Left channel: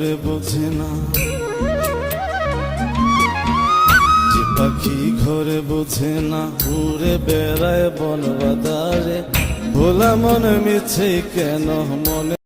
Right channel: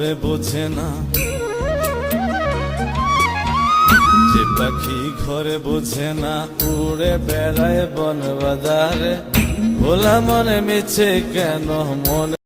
ঘরে বোঝে না, যে পাখি ঘরে বোঝে না, উড়ে বেড়ায় বন বাদারে। ভোলা মনে মিছে কেন মনে